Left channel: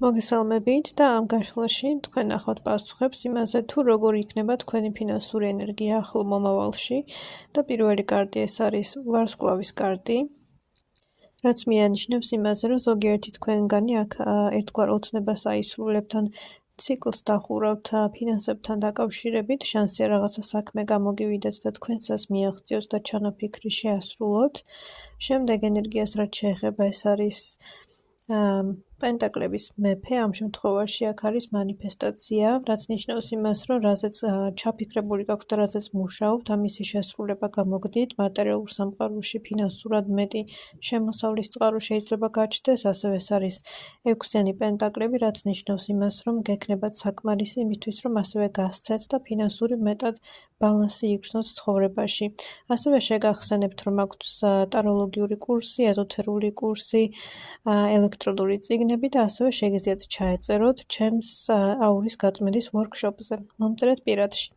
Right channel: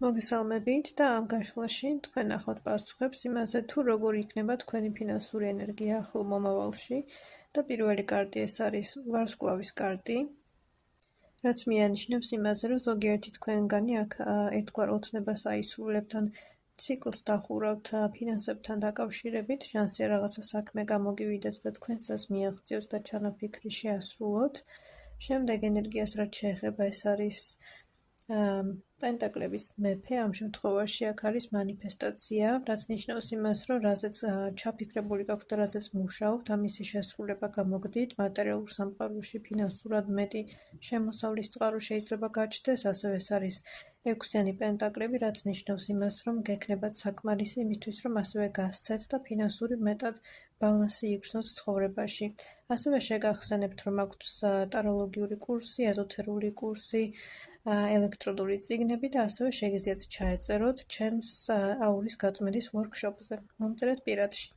მოგესალმებით და ამ გაშლაში თქვენ ნახავთ პასუხებს იმაზე, თუ როგორ იქნება თქვენი ფინანსური ენერგია ახლო მომავალში და პირველი კარტი ეს არის ვარსკვლავის კარტი, რაც მიანიშნებს იმაზე, რომ ზოგიერთი თქვენგანი აქ ერთგვარ ოცნებას აისრულებთ ან ციკლს დახურავთ ფინანსებთან დაკავშირებით, შანსია რაღაცა საქმე გამოგივიდეთ და თქვენსას მიაღწიოთ და ჩანაფიქრი შეასრულოთ. შემდეგ ენერგიას რაც შეეხება ეს არის პენტაკლების მეფე, ამ შემთხვევაში აქ არის მანიფესტაცია, რაც ნიშნავს იმას, რომ რაზეც ჩაფიქრებული გაქვთ და რაზეც მუშაობთ, ამისი შესრულება გამოგდით, მატერიალურ სამყაროში ფინანსურად მეტი შემოსავლის წყარო შეიძლება გაჩნდეს, ასევე ეს არის 6-იანი პენტაკლები, რაც ნიშნავს იმას, რომ გექნებათ საკმარისი იმისთვის, რომ ასევე გასცეთ და ფინანსური მეტად ბალანსი იგრძნოთ ცხოვრებაში. ასევე შეგახსენებთ, რომ აქვთ ტაროლოგიური კურსი, ეზოთერული კურსი, ელექტრონული წიგნები და ასევე შეგიძლიათ ჩაეწეროთ ჩემს აურის გაწმენდის ვორქშოპზე. მომწერეთ პირადში.